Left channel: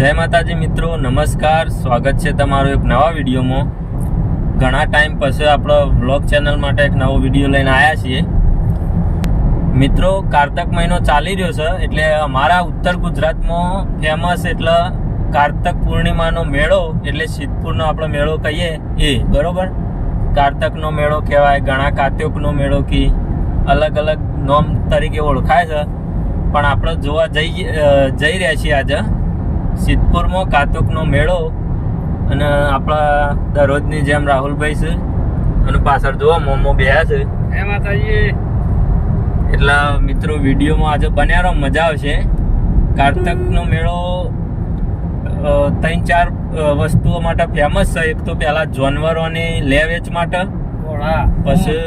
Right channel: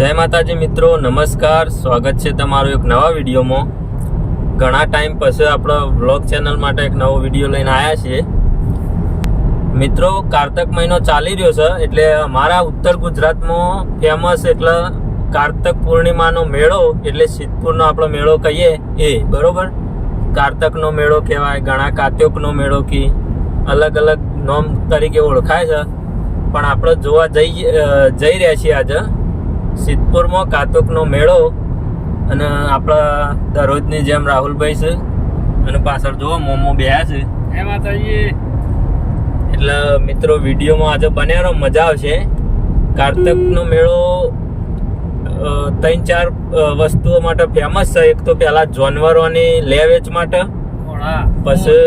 જય માતાજી મિત્રો, નમસ્કાર. સ્વાગત છે તમારું એક નવા વિડીયોમાં. ઘણા ટાઈમ પછી આપણો વ્લોગ ચેનલ માટે એક નવો વિડીયો લઈને આવ્યા છીએ. મિત્રો, કારતક મહિનો ચાલી રહ્યો છે એટલે અમારા ઉત્તર ગુજરાતમાં ફેમસ એટલે કારતક પૂર્ણિમાનો મેળો એટલે સિદ્ધપુરનો આપણો મેળો કહીએ એ બરોબર. કારતકનો મેળો કહેવાય, ઘણા કાત્યોકનો મેળો કી અલગ અલગ નામ તરીકે ઓળખાય છે. પણ આપણે જોવા જઈ રહ્યા છીએ આજે સિદ્ધપુરમાં કાત્યોકનો મેળો. અને આપણા દરરોજની જેમ રાહુલભાઈ છે અને પાછળ જોવા મોમો બેહ્યા છે. એટલે મિત્રો વિડીયોમાં આજે બન્યા રહો, મજા આવશે. કારતકનો મેળો 3-4 વસ્તુઓ માટે ફેમસ છે. એક તો પહેલા જાનવરોની લે વેચ માટે, પછી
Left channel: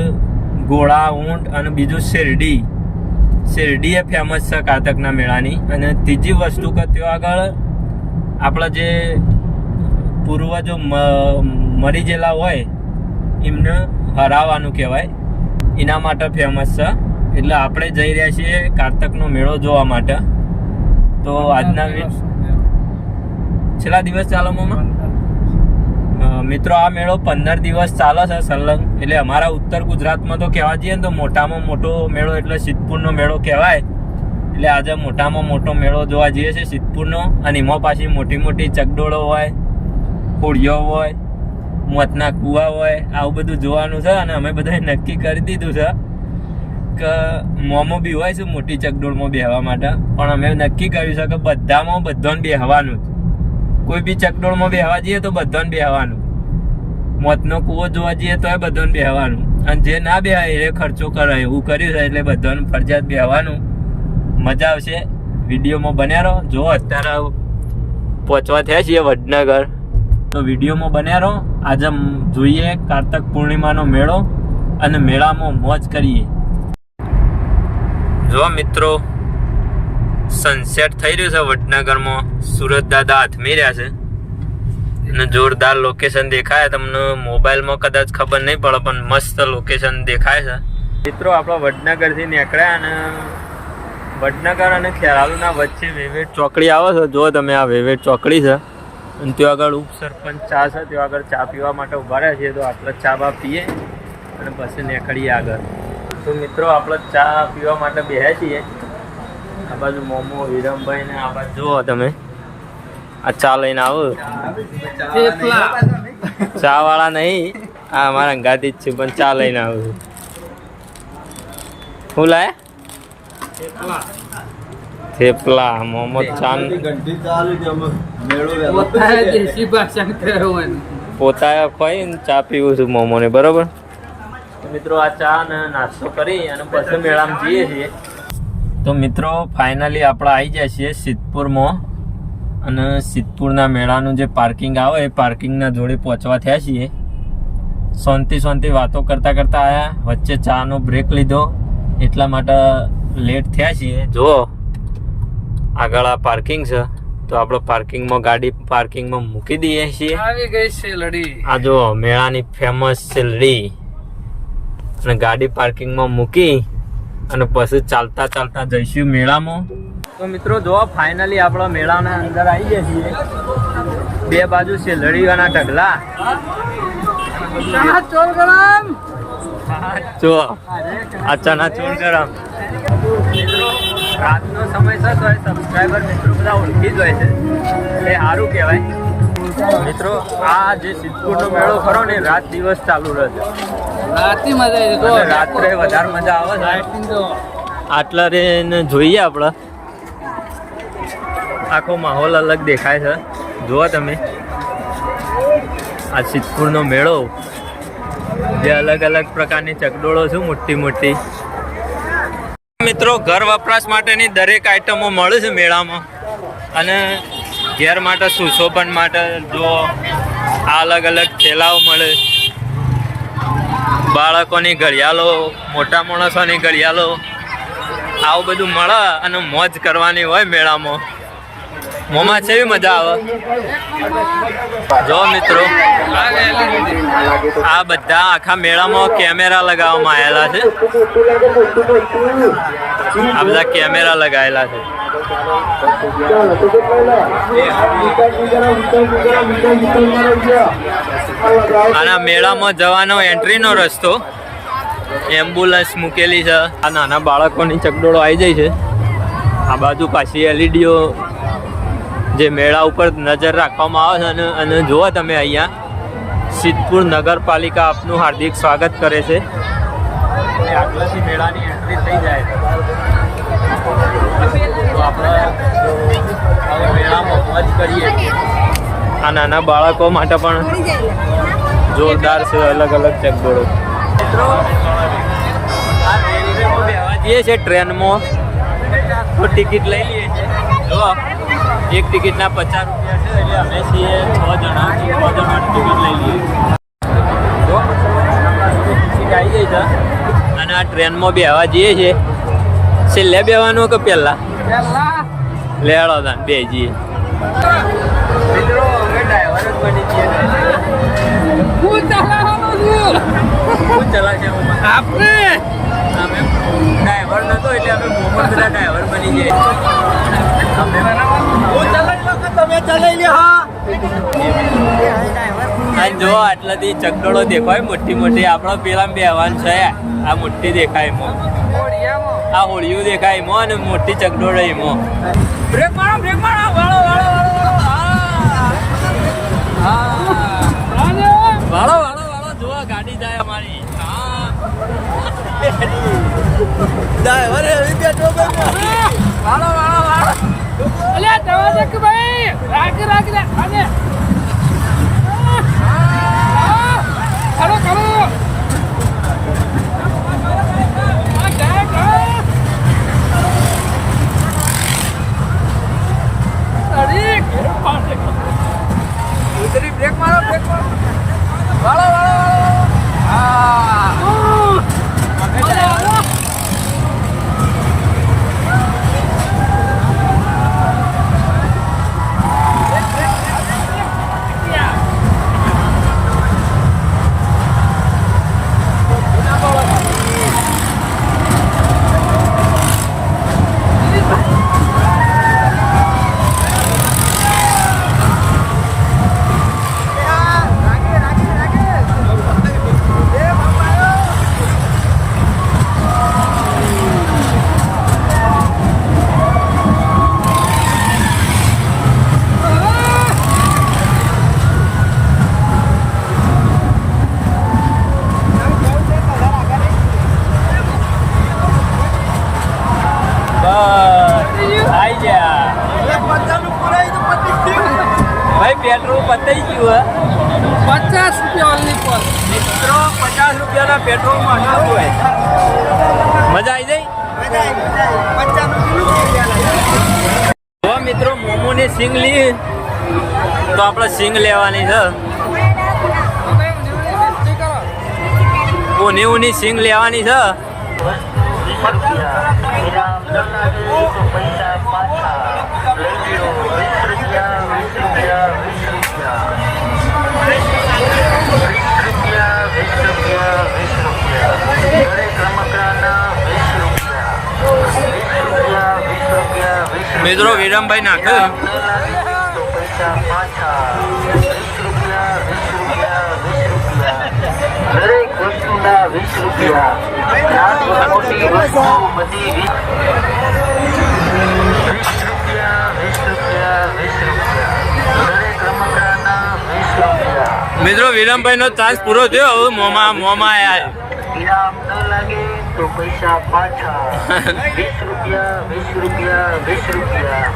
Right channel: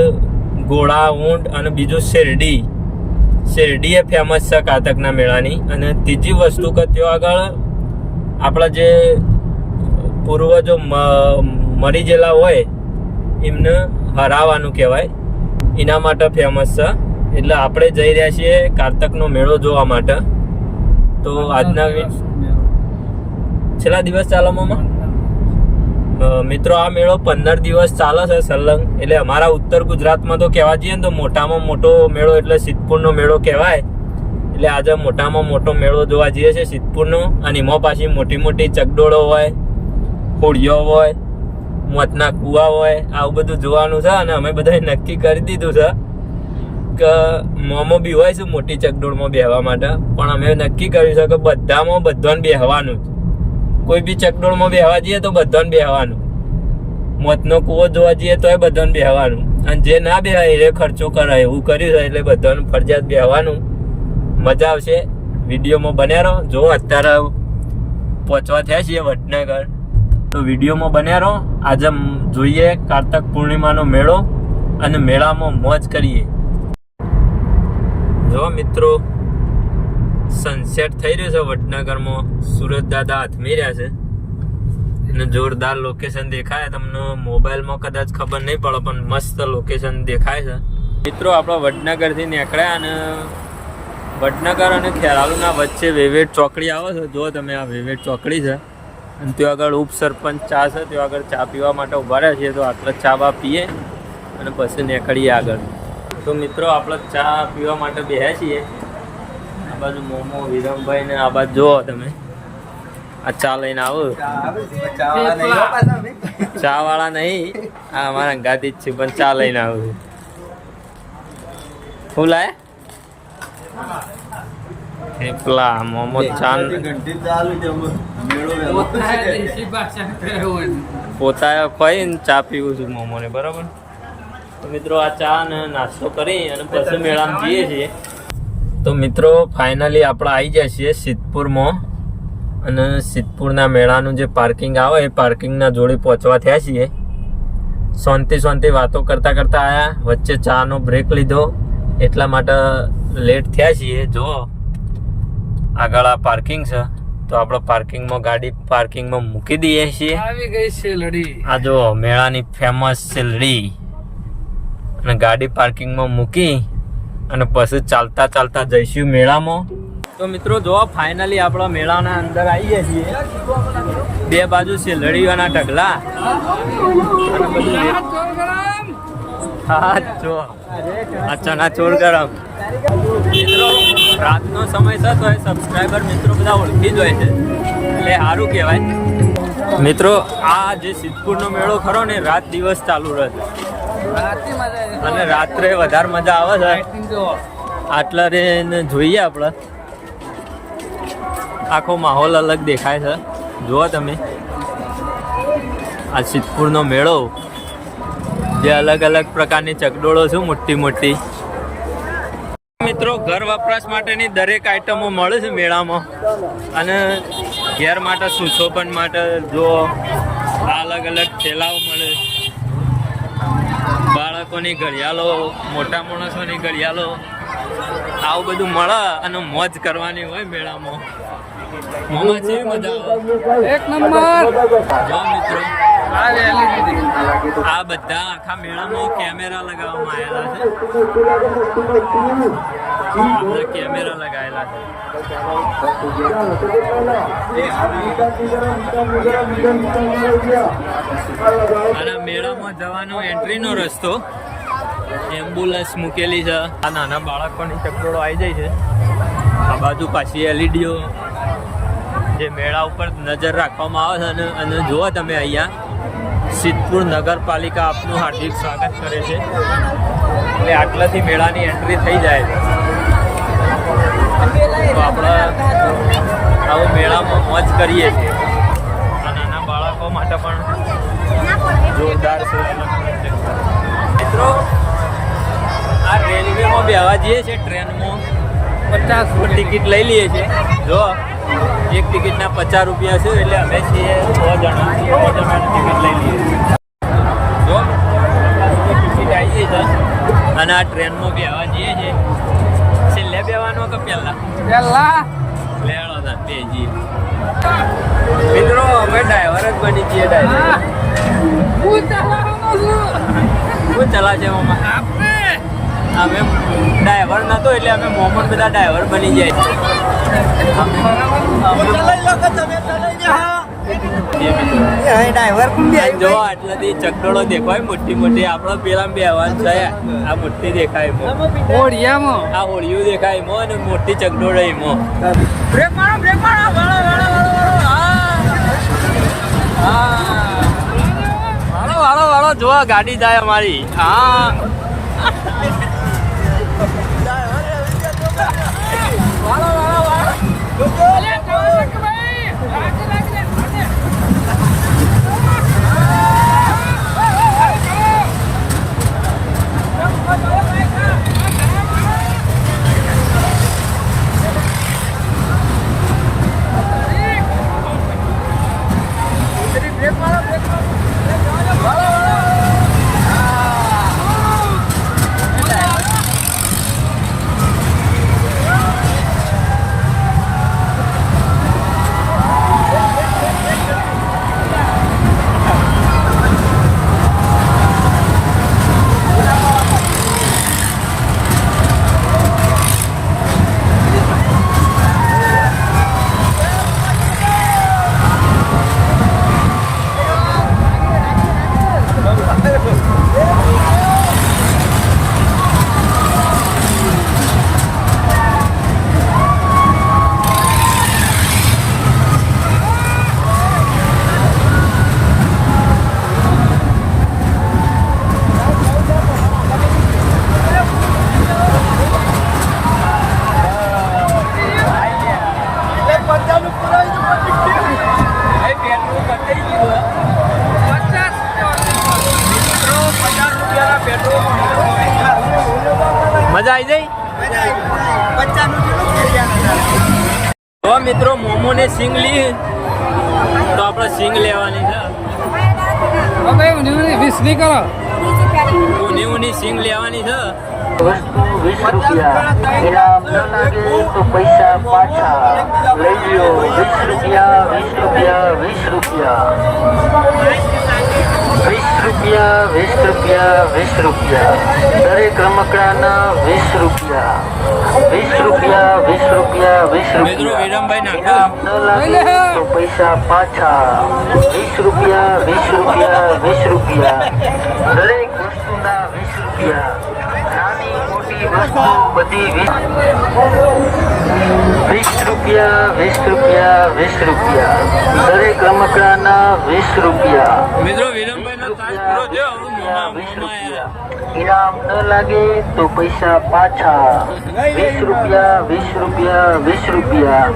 ઘોડા, ઊંટ અને બીજું શેરડી એ ફેમસ છે કારતકના મેળાની. અને ત્રીજી વસ્તુ કે ત્યાં આગળ આપણા જે પૂર્વજો મરી ગયેલા હોય એમને હરાવવાનું કહેવાય, એના માટે ફેમસ છે. એટલે આપણે જઈ રહ્યા છીએ કારતકનો મેળો જોવા માટે. તો આજના છેલ્લા દિવસ ચાલવામાં મિત્રો આ મેળો 15 દિવસ ચાલે છે સલંગ. એટલે અમારા ઉત્તર ગુજરાતમાં તો કહેવા જઈએ ને તો મોટામાં મોટો મેળો એટલે સિદ્ધપુરનો મેળો કહેવાય. એટલે આજે મોટામાં મોટો મેળો જોવા જઈએ છે સિદ્ધપુરનો. અને એમાં પાછી મોટી મોટી ચકડોળો હોય, હોળીઓ હોય, મોતના કૂવા હોય, આવું બધું જોવાનું છે. અને અમે બધાએ નક્કી કરી દીધું છે કે મોમો બી હોય છે મોટી ચકડોળમાં બેહવા માટે. પણ અમે નક્કી કર્યું છે કે બધાને બેહવાનું જ. કોઈ બી ચકડોળમાં બેહવા જઈએ તો બધાને બેહવાનું. મોતનો કૂવો જોવા જઈએ તોય બધાને બેહવાનું. અને જે ના બેહાય એ ખર્ચો કરે એવું કર્યું છે. એટલે બધાને ફરજિયાત બેહવાનું. મજા આવશે. વિડીયોમાં બન્યા રહો. જો અત્યારે પહોંચવા થયા છીએ વડનગર, તો વિડીયોમાં બન્યા રહો. આજે જોઈએ કારતક પૂર્ણિમાનો મેળો અને મેળામાં મોજ કરીએ. જો મિત્રો, સનસેટ થઈ રહ્યું છે વડનગરમાં. સુરત દાદા હાથમી રહ્યા છે અને જોરદાર લોકેશન દેખાય. તમને મોબાઈલમાં કદાચ ખબર નહીં પડે પણ મસ્ત લોકેશન દેખાય છે. મિત્રો, આપણે વડનગરથી નીકળ્યા અને વડનગર અને ખેરાલુના વચ્ચે વેવેટ ચોકડી આવે છે. જો તમે આ વેવેટ ચોકડી છે અને ત્યાં આગળ ઉપસરપંચ ચા છે. ત્યાં આગળ ચા પીવા માટે ઊભા રહ્યા છીએ. તો આટલા ચા બા પીએ અને પછી નીકળીએ આગળ. તો મિત્રો, આપણે ચા પીવા માટે બેહ્યા છીએ. આ બાજુ મોમો, હિરમભાઈ ને આ બાજુ જુઓ તમે, આ ચા લઈને આવો. ચા વાળા નહીં, આ અમારા ગાદી જ છે પણ ચા લઈને આવું. શું લાયા? થેપલા, મોમો, ચા. પોતા ખોઈને ચા પીવું છું મોમો ને. બરોબર. તો મિત્રો, આ ચા ને નાસ્તો કરી અને પછી મેળામાં જઈએ છીએ. તો મિત્રો, ફાઇનલી આપણે આવી જાય છીએ સિદ્ધપુરમાં. અને સિદ્ધપુરના મેળાનું જે પાર્કિંગ આવે એ પાર્કિંગના જોડે પહોંચવા થયા છીએ. શાંતિ વાતો કરતા આવ્યા. વચ્ચે ચાનો બ્રેક લીધો એટલા માટે લેટ થયા છીએ. જો આગળ આ પાર્કિંગ છે, તો આપણે પાર્કિંગમાં ગાડી પાર્કિંગમાં મૂકી દઈએ છીએ. આવી ગઈ શેલડી. આ જો મેળાની ફેમસ શેલડી. અને ગાડી પાર્કિંગમાં મૂકી અને પછી ચાલતા જઈશું મેળામાં. તો મિત્રો જો ફાઇનલી આપણા મેળાના અંદર આવી ગયા છીએ. બે બાજુ શેલડીઓના ઢગલા અને બધું. આ ચણા ચોળ ગરમ. મિત્રો, રાતનો સમય છે તો સબસ્ક્રાઈબર મિત્રો બધા ઓળખી જ હોય છે એટલે સારું કહેવાય. મિત્રો, આ જે સિદ્ધપુરનો મેળો ખરો ને રાત દિવસ ચાલુ રહે છે અને રાત્રે વધારે મજા આવે છે. આટલા રે જોઈએ આપણે આખો માહોલ અલગ દેખાય છે. જુઓ તમે આ સિદ્ધપુરનો મેળો, જે અલગ અલગ પ્રકારની ચકડોળો છે મોટી. મિત્રો, ઘર વપરાશ માટેની દરેક આઈટમો મળે છે મેળામાં. અને ઘેર માટે સુશોભન માટે જો આ અલગ અલગ થેલાઓ મળે. બાળકોની ઘડિયાળો, મોટા માણસોની ઘડિયાળો, આવું બધું મળે અને મોજ કરવાની હોય મેળામાં. મોમાં છે મજા આવે. જો મિત્રો, આ બધા આખા મેળામાં કેમેરા લગાવવામાં આવેલા છે. આ બધા કેમેરા લગાવેલા છે. અને મેળામાં જવાનો એન્ટ્રીનો રસ્તો એમ્બ્યુલન્સ મૂકેલી છે. આ નાના બાળકોની ચકડોળો આવી જાય છે. આ બાજુ પાછી એલઈડીઓ જે મેળા ઉપર નજર રાખવામાં આવે છે. અને જુઓ તમે અહીંયા સિદ્ધપુર નગરપાલિકા આપનું હાર્દિક સ્વાગત કરે છે. એટલે આટલાથી મેળાની એન્ટ્રી થઈ જાય છે. તો આપણે આવું મેળામાં મોજ કરીએ છીએ. આ નાના બાળકો માટે પણ જોરદાર છે અલગ અલગ ચકડોળો. મિત્રો આ રેલવેમાં બેસવા જઈએ છીએ ટ્રેનમાં ટિકિટ લઈ લઈએ છીએ. જો એક ટિકિટના 50 રૂપિયા છે. એટલે અમે છીએ 6 જણા. 6 જણાની ટિકિટ લઈ લઈએ. જો મિત્રો આપણા જોડે ટિકિટ આવી ગઈ છે અને આ ટ્રેનમાં બેસવા જઈએ છીએ. છેલ્લે બેવાનું કે પહેલા લેડો તાન બે જઈએ. મિત્રો અમે ડ્રાઈવર જ બની છીએ. કોણ ચલાવશે અમે ડ્રાઈવર નતો એટલે અમે મોહમ્મદ બધા ડ્રાઈવર બની જાય. જો આટલાથી ચકડોળો દેખાય મોટી મોટી. આપણો પેલા બેહવાન છે આ મોટી દેખાય એમાં. આ હોળિયું દેખાય એમાં અને મોટી ચકડોળો એમાં. બ્રેક મારો બ્રેક મારો. વાળો વાળો વાળો વાળો વાળો વાળો જો ગાડી જાય અમારી. હા વાળો વાળો વાળો. બ્રેક મારો બ્રેક મારો. વાળો વાળો વાળો. હા અમે ડ્રાઈવર. પેટ્રોલ પતાઈ ગયું. 50 રૂપિયા મિત્રો. 50 રૂપિયાના પેટ્રોલમાં મજા આવી જાય. તો મિત્રો મોમોને સિંગ લી તો આપણે સિંગ લેવાની છે. ઊની ઊની સિંગ લેવાની છે. મિત્રો વિરમભાઈ નાખે પૈસા પાછા. 20 રૂપિયા 20 રૂપિયા 20 રૂપિયા. દરેક વસ્તુના 20 રૂપિયા. મોટી વસ્તુ બધી 20 રૂપિયા 20 રૂપિયા 20 રૂપિયા. દરેક રમકડાના 20 રૂપિયા. મિત્રો વિરમભાઈ નો ચાર્જ પૂરો થયો. હવે મોમાં આયા. ઇનામ ન લાગે તો પૈસા પાછા. 20 રૂપિયા 20 રૂપિયા 20 રૂપિયા.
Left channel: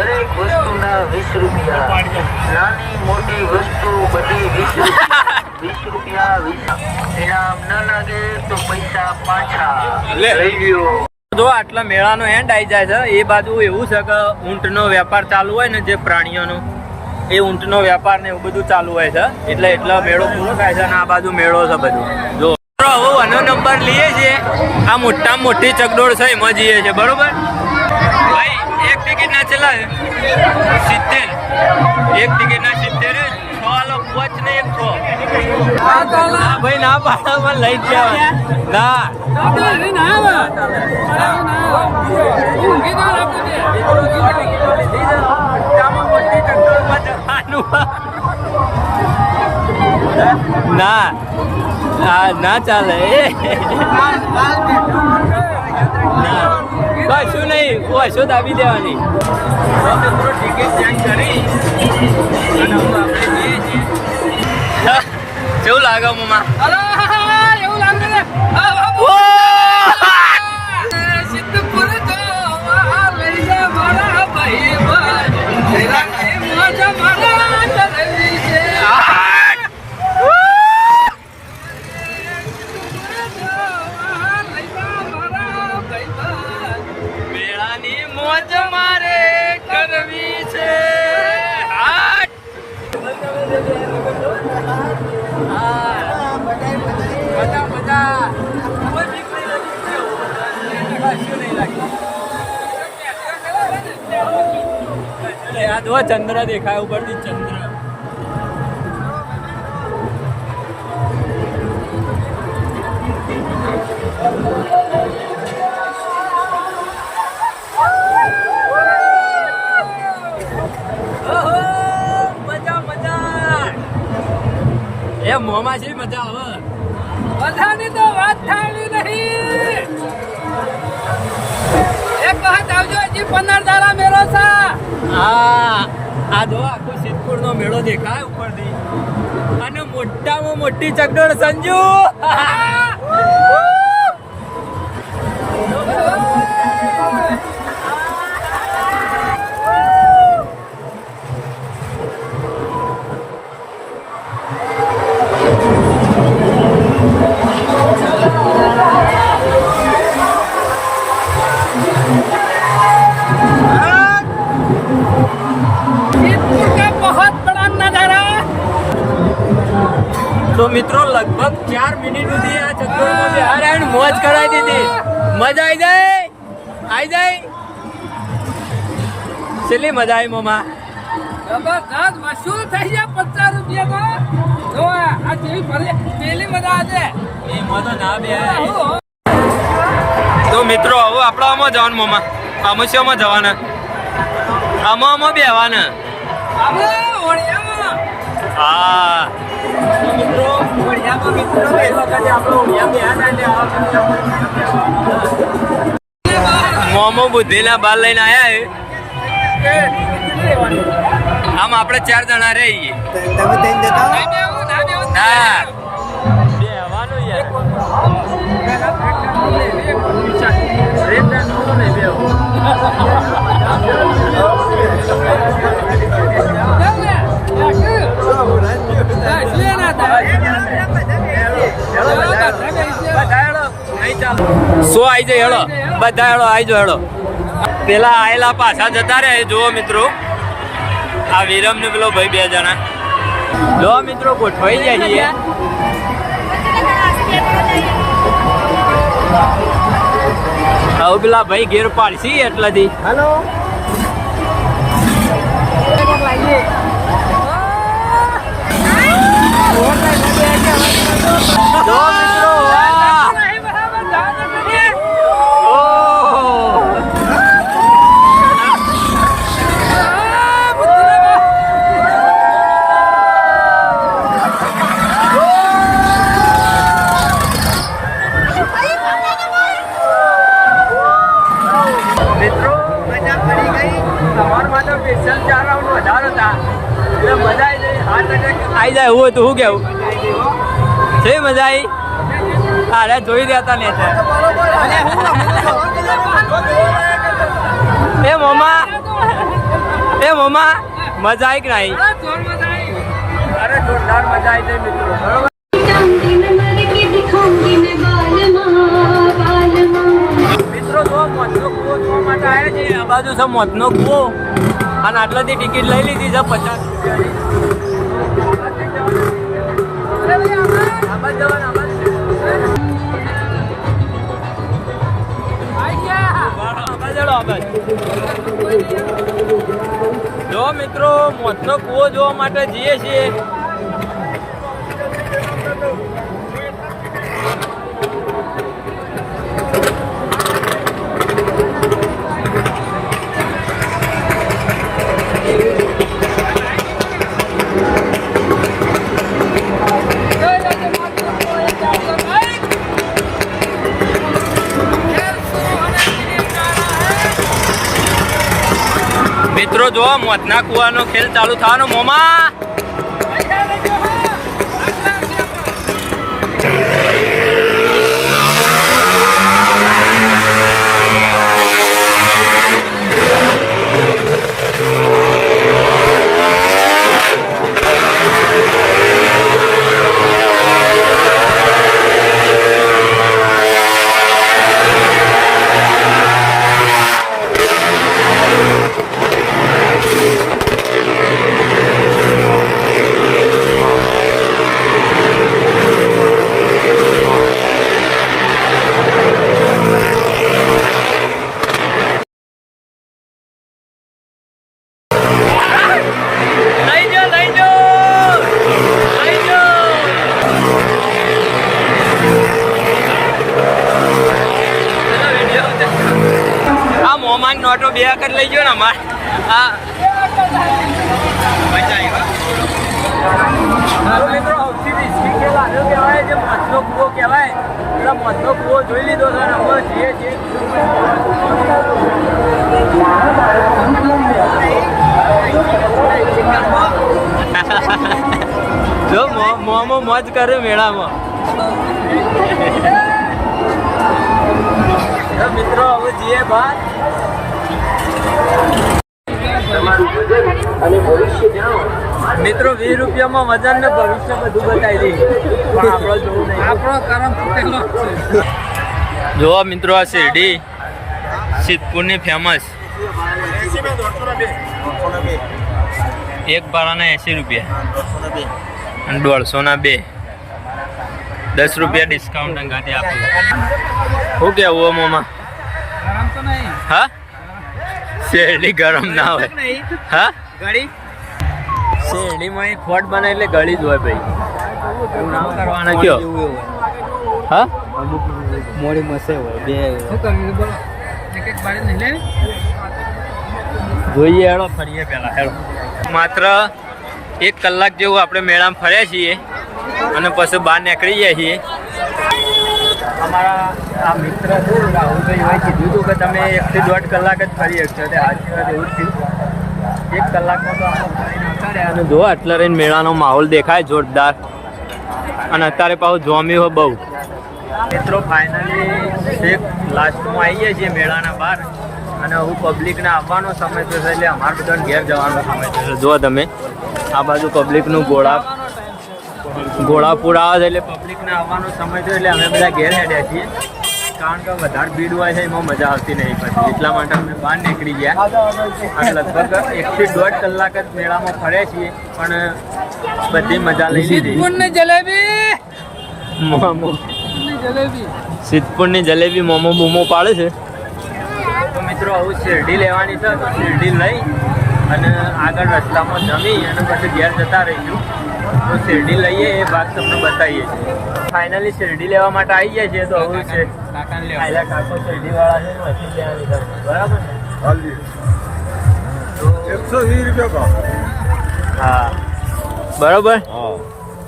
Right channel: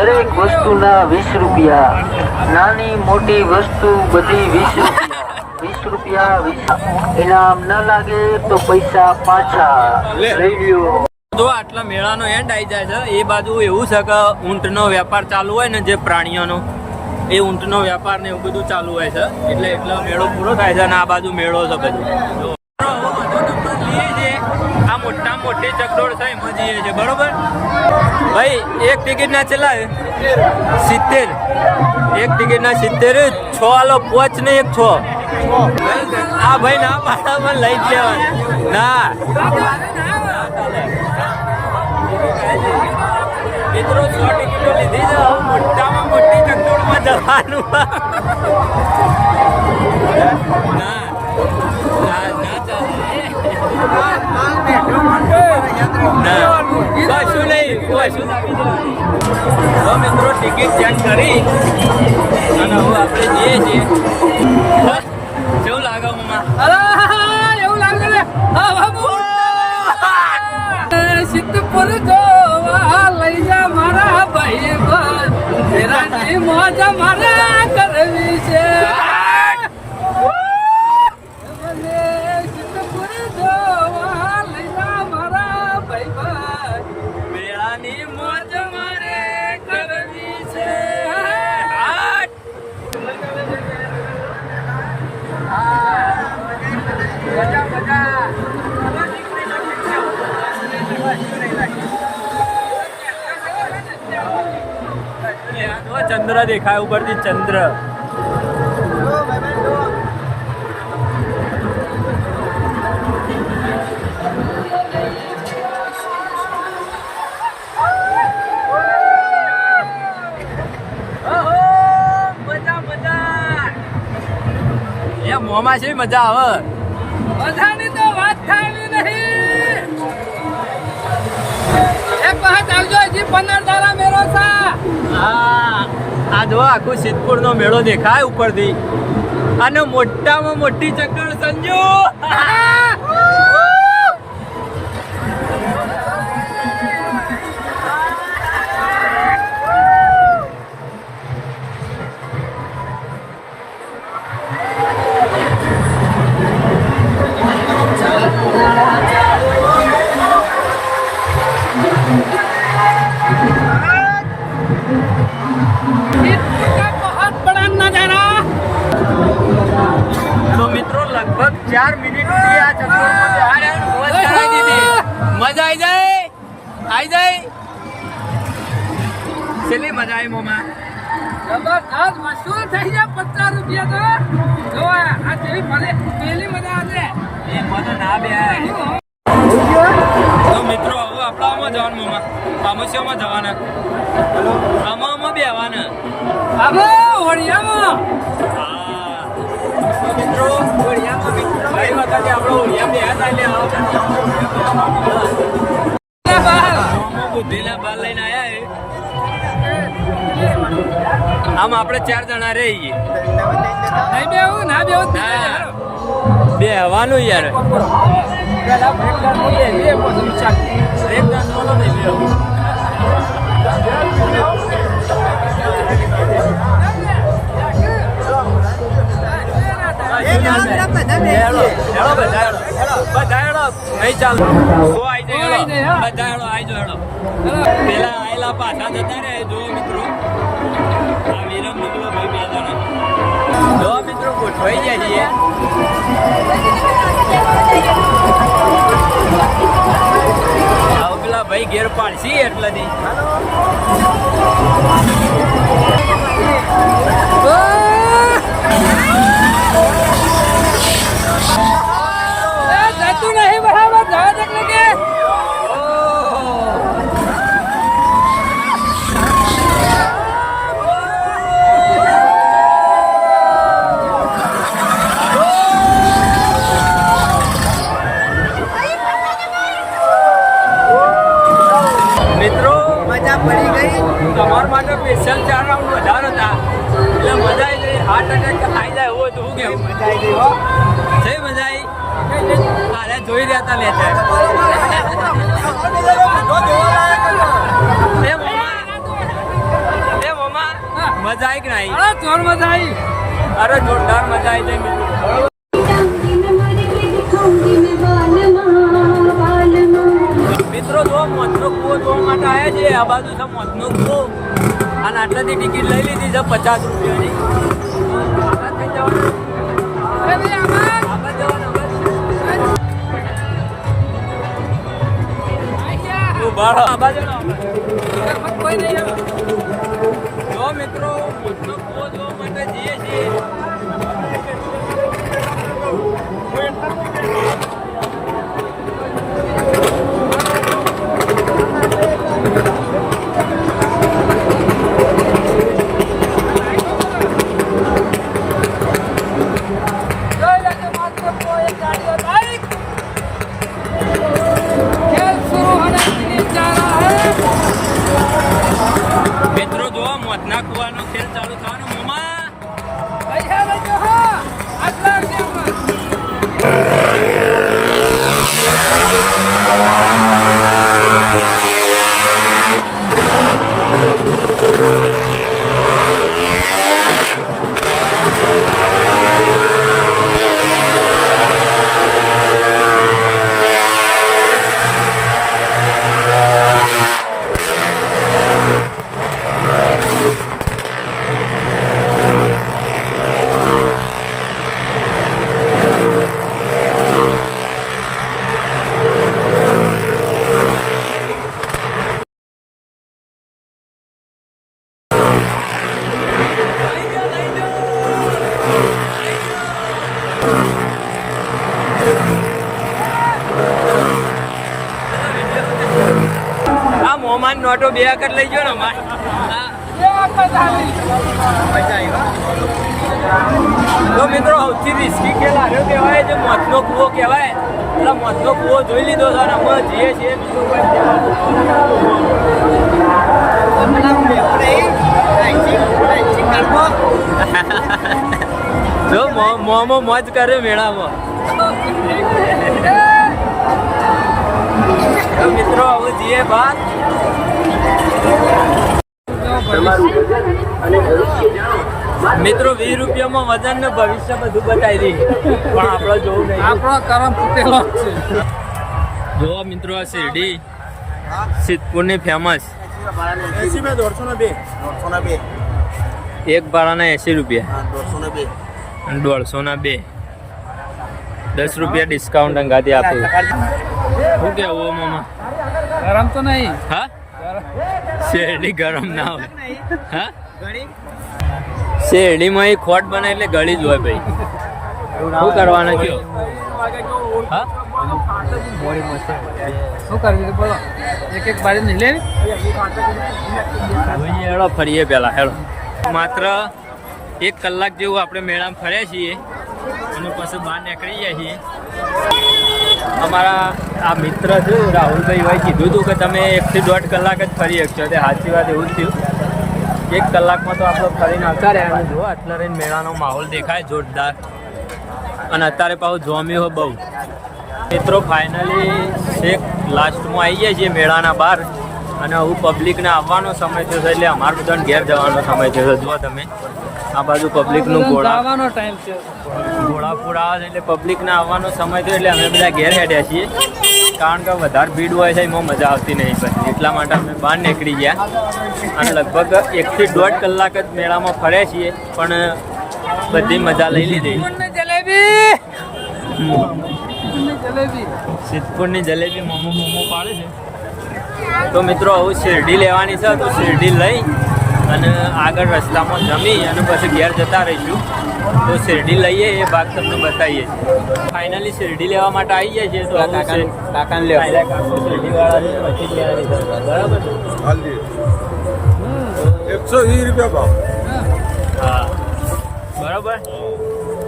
દરેક વસ્તુના 20 રૂપિયા. નાની મોટી વસ્તુ બધી 20 રૂપિયા 20. ઇનામ ન લાગે તો પૈસા પાછા. લઈ લ્યો. જો આટલા મેળાનો એન્ડ આવી જાય છે. એ બાજુ એવું છે કે ઊંટનો વેપાર ચાલુ હોય ને, જે પ્રાણીઓનો એ ઊંટનો વેપાર ને એવું બધું ચાલુ હોય છે. એટલે મેળો પૂરો થાય છે અને આ બાજુ મેળો છે બધું. નંબર લઈએ છીએ. આ મોટામાં મોટી ચકડોળ છે એમાં જઈએ છીએ. બરોબર ભાઈ. એક ટિકિટ ના ચલા 70. એક ટિકિટ ના 70. 6 આલો 5 ને 1 6. હા ભાઈ ના પાડો મને લઈ જ લેવાનું. ના મિત્રો 100 ટિકિટો લીધી છે. હવે મોટામાં મોટી ચકડોળમાં જવાનું. ના ના ચાલે ના કશું નહીં કશું દાબી દેવાની. તો મિત્રો ટિકિટ ચેક કરી અને હવે આપણે જઈએ છીએ. કેવું લાગે મમ્મા? એવું લાગે ને સિદ્ધપુર જોવા લઈ જા મારા ભાઈ ભાઈ મોજ મારા કરવી છે. મેળાની મોજ મારે કરવી છે. મજા મજા ચંદ્ર દેખાય ઉપરથી ચંદ્ર. મજા મજા એ મોમાં છે મજા આવે. બધાની તો વાત થાય નહીં. એક વખત આવજો હજી 15 દાડા મેળો છે. આ જો આખું સિદ્ધપુર નો મેળો દેખાય ઉપરથી અને મોટામાં મોટી ચકડોળ સંજુ. તો મિત્રો લગભગ 4 મિનિટ સુધી આ ચકડોળમાં બિહાર આવીને મોજ કરાવી દીધી. મજા આવી જાય છેલ્લી મજા આવી મોમાં. જબરદસ્ત વસૂલ થઈ જાય 50 રૂપિયા તો જો આ જેવી પેલી મજા આવશે એમાં તો ના બે. તો મિત્રો હવે આપણે આમાં જવાનું મોમાં. આમાં શેમાં જવાના? આમાં બેવાના. ઓળિયામાં હા મિત્રો ઓળિયામાં ગઈ વખતે આપણે ઓળિયા બેહ્યા મોમો બુદ્ધિના બાલ લઈને આયા આમ આપણે 4 જણા રહીએ. ના બેહવાનું યાર. રેત ડાન્સમાં તો નહીં બેહવું. પેલા આયેલા પાછા જતા રહે. જુઓ મિત્રો આ વિરમ ને પેલો ભાઈ 2 જણા જો મિત્રો ગોઠવાઈ જાય છીએ. પેલા ભાઈ ઘેર પાડશી એટલાથી. તમારા માટે સ્પેશિયલ 4 રાઉન્ડ વધારે હતા એટલે મજા આવી જાય. હાર્ટ એટેક આવી જાય એવું હતું. શું કેવું છે? મજા આવી. અરે જોઈ રહ્યા હતા ને એ મોમા મજા આવી કે નહીં? જોર મજા આવી. અરે જોરદાર મજા આવી જાય મિત્રો. બરોબર મિત્રો જો મોતનો કૂવો જોવા માટે આવ્યા છે. આ બાજુ છે મોતનો કૂવો અને આટલાથી ટિકિટ લઈ લીધી છે 50 રૂપિયાની. આબાદ થઈ જવાનું. આબાદ જવાનું. જો મિત્રો મોતનો કૂવો જોવા માટે જઈએ છીએ. મોતના કુવાનો ખેલ ચાલુ થવાનો મોમા. પૈસા લેજો હો. મોમાન નોટો બે વખત લઈ ગયો ને અમાર. હા તો મિત્રો સૌથી રિસ્કી ખેલ હાર્યો કહેવાય, જે મોતનો કૂવો કહેવાય. એટલે મોતનો કૂવો જોઈ લીધો છે અને અમે જઈએ છીએ બીજો કોઈ જો મોમો મોજ કરે મેળામાં. જો મિત્રો હવે જઈએ બાદ. મિત્રો 20 રૂપિયામાં વજન ને ભવિષ્ય બધું બતાવી દઈએ, પણ આપણે જોવું નહીં. આપણો કરમ ફૂટેલો છે. જોવા મિત્રો આ શેરડી સિદ્ધપુરની ફેમસ. એક ભાડાના 80 રૂપિયા અને 150 10 રૂપિયા ડિસ્કાઉન્ટ અંગાથી આપ્યું. શું કેવું મોમાં? ગરમ તો નહીં. હા શેરડી ગરમ ના હોય. હા શેરડીમાં એ ખોટ બને એટલે ગળી જ હોય ભાઈ. શું કરવાના કયો? હા શું કરવી બોલો? એક બારી નહીં લેવી. જોઈએ હેડો ફરીએ પેલા હેડો. માત્ર 1 કલાક જેવું આપણે મેળામાં ફર્યા છીએ અને પછી બહાર નીકળી જાય છીએ. અમારા આ મિત્ર છે રાહુલભાઈ હોય કીધું હતું કે તમે 1 થી 1.5 કલાક જ ફરી શકશો. તે સાચી વાત એવું જ થયું. 1 કલાકમાં તો આપણે ફરી નાખતા રહ્યા. અને જો આટલા રહીને મેળાનો માહોલ દેખાય જોરદાર. અને અત્યારે પાછું જોમ્યું હોય બહુ. મિત્રો ફાઇનલી છેક લાસ્ટમાં આવી જાય છીએ મેળાના બહાર. અને હું પબ્લિકને આવવાનો સમય થયો છે એટલે અમારે બધાને ઘેર જવાનો સમય થયો છે. જો તમે આ બાજુ પબ્લિકનું ઘોડાપુર આવે છે એટલે પબ્લિકને આવવાનો સમય થયો એટલે અમે બધા ઘેર હેડ્યા છીએ. કારણ કે વધારે ભીડ હોય છે એમાં મજા આવતી નહીં પછી. એટલા માટે અમે બહાર નીકળી ગયા અને લગભગ 1 થી 1.5 કલાક જ મેળામાં ફર્યા છીએ, પણ બધી મજા લઈ લીધી. સિદ્ધપુરની જલેબી મોમો બૂમો પાડે છે. તો મિત્રો હવે શેરડી લેવાની છે તો શેરડી લઈ અને આગળ રસ્તામાં જમી અને પછી ઘેર જતા રહીશું. તો શેરડી લઈએ એ ભાગ તમને બતાવીએ છીએ. ફાઇનલી શેરડી લેવા માટે આવી જાય છે. તો હવે છે કાકો શેરડી વાળા છે પછી જ લેવાની છે. બરાબર છે તો 120 રૂપિયા ભાવ. હા બરાબર.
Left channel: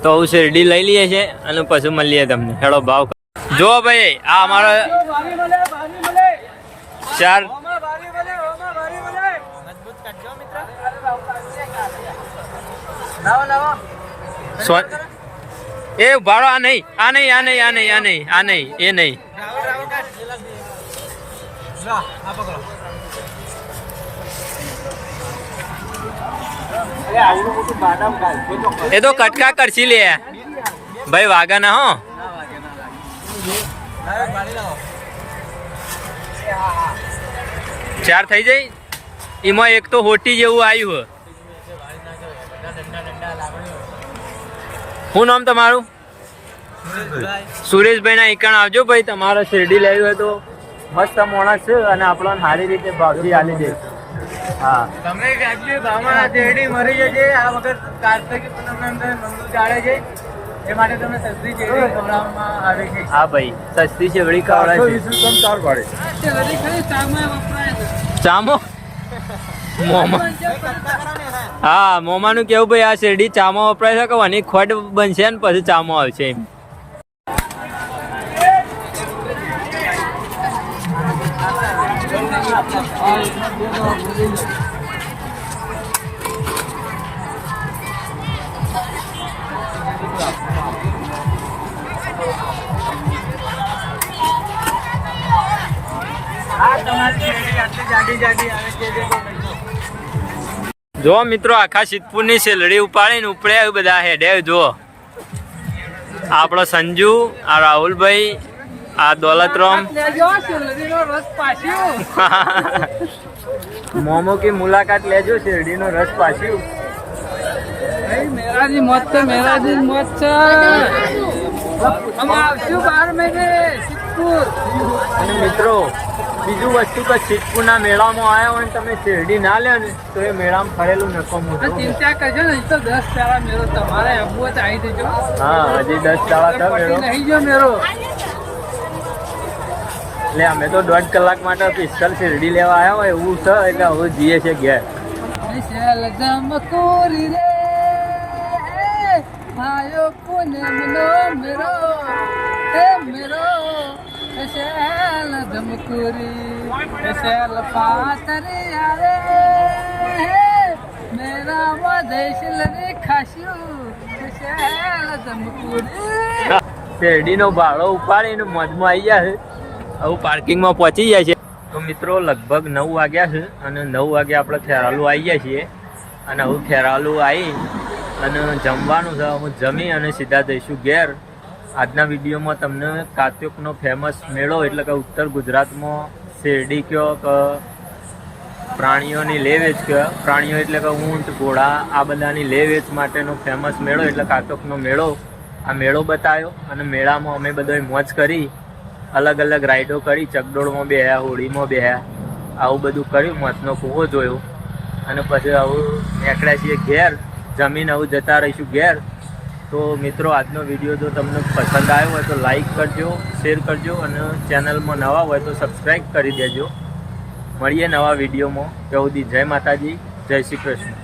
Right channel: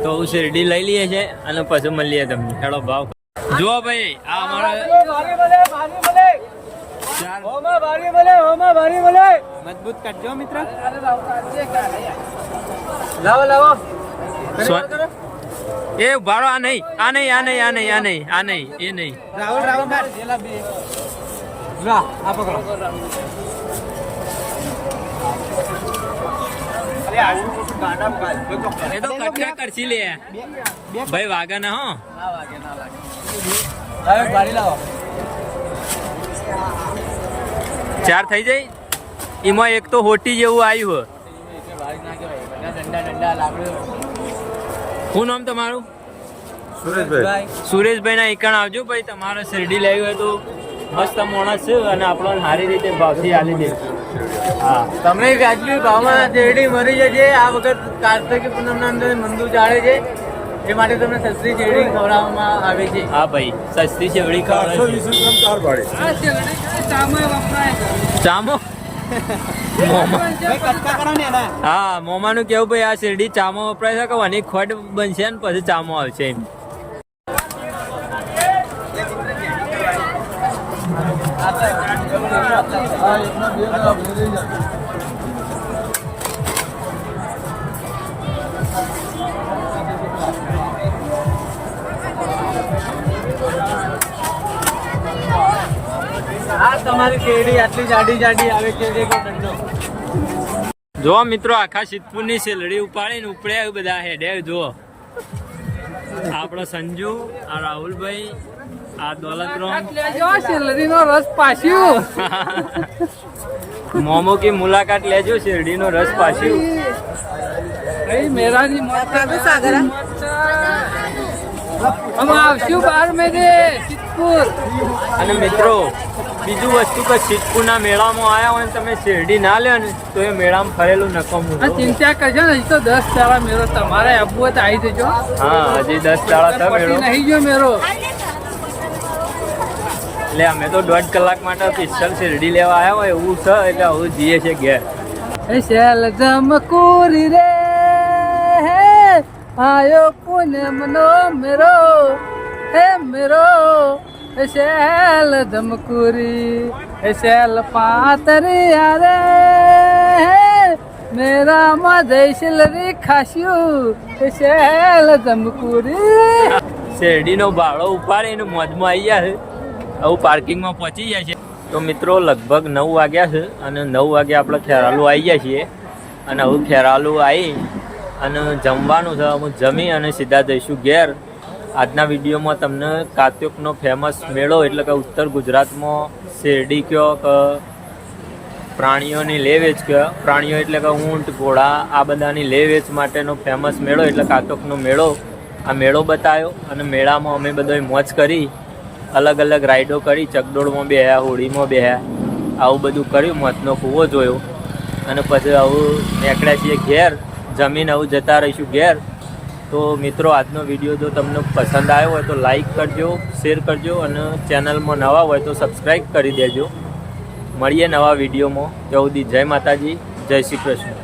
તો હું શેરડી લઈ લઈએ છે અને પછી મળીએ તમને. હેડો ભાવ જો ભાઈ આ અમારા 4 મજબૂત કરજો મિત્ર. લાવો એ ભાડો આ નહીં એ નહીં. એ તો કટકા કરશી લે ભાઈ, વાગા ના હો. ચાર થઈ જાય એમાં એક તો હોટી જેવું આવ્યું. શું નામ તમારું? સુરેશભાઈ ના ઈકણ આવજો ભાઈ. તમારે શેરડી લેવી હોય તો મસ્ત માણસ છે અને આપણને સારી રીતે ભાવથી આલી દે. હા તમે વ્યાજબી ભાવમાં શેરડી મરી જશે. આ વખત કાર્તિક પૂનમના અંદર મંદુ ચાલે છે એ માટે તમને સસ્તી શેરડી ખવડાવવામાં આવે છે. હા ભાઈ સસ્તી શેરડી ખવડાવે છે. 420 રૂપિયા 4 ભાડે. ચામો હા મોમાનું કેવું ભાઈ આ શેરડી ચામો વપરાય છે કે આની ખોટ બનશે ને પછી ચામો આવશે એમ. કેટલી જાડી જાડી આવે છે દેખો મિત્રો. જો મિત્રો આખા સિદ્ધપુરની શેલડી ઉપાડીને ઉપડે બધા હેડે. જો આપણો સંજુ, આ રાહુલભાઈ, આ દોલતરામ રસ પાછ્યું. મોમો કી મુલાકાત લેજો, શેરડીનો રસ પાછ્યું. મેરાની મોત છે, મેરાની મોત છે. અમે આવશું 12 મહિને સિદ્ધપુર. અને મિત્રો બીજું વસ્તુ કે સિદ્ધપુરના મેળામાં આવ્યા હોય ને તમે શેરડી ના લ્યો ને તો એ મેળામાં ફરેલું નકામું છે. ચિંતા કરજો ને, હજી તો 10 દાડા મેળો તમારે આવવું હોય તો આવી જજો. હા, હજી 10 દાડા થયો મેળો. નહીં ગયો મેળો. એટલે અમે તો 1.5 કલાક માટે સ્પેશિયલ શેરડી લેવા આવ્યા હોય એવું છે, એટલે હવે જઈએ છે ઘેર. શેલ જમકુરી રે આયો પૂનમનો મેરો હે મેરો શેલ જમકુરી શેલ પાતરી રે મેરા માં જયશલરી ખાસ્યું શેલ જમકુરી. શેરડીનો ભાડો ઉપાડીને મોજમાં આવી ગયા છે. આવું પાર્કિંગમાં પહોંચી જાય છે. તો મિત્રો લગભગ 9 વાગ્યા છે અને 9 વાગે આપણે ખેરાલુ આવી ગયા છીએ. અને હવે ખેરાલુ આવી અને જમવાનું છે. અમે જમી અને સીધા જઈશું ઘેર. આજના વિડીયોમાં તમને કાત્યોકનો ફેમસ મેળો એટલે કે ઉત્તર ગુજરાતમાં શેરડી કયો કે પ્રાણીઓની લે વેચ કયો, પ્રાણીઓ એટલે કે ઊંટ, ઘોડા આ બધાની લે વેચ માટેનો ફેમસ મેળો એટલે કાત્યોકનો મેળો. આ મેળો બતાવ્યો અને મેળામાં અમે બધાય મોજ કરી, અલગ અલગ રાઈડો કરી, ચકડોળમાં બેહ્યા, હોડીમાં બેહ્યા, આવું બધું કર્યું, મોતનો કૂવો જોયો. અને પછી આવું નીકળ્યા છીએ ઘેર. જમીન આવું જતા રહીશું ઘેર. તો મિત્રો આજનો વિડીયો જો તમને પસંદ આવ્યો હોય તો લાઈક કરજો, શેર કરજો અને ચેનલમાં નવા હોય તો સબસ્ક્રાઈબ કરી દેજો. મળીએ નવા વિડીયોમાં. ત્યાં સુધી જય માતાજી, જય શ્રી કૃષ્ણ.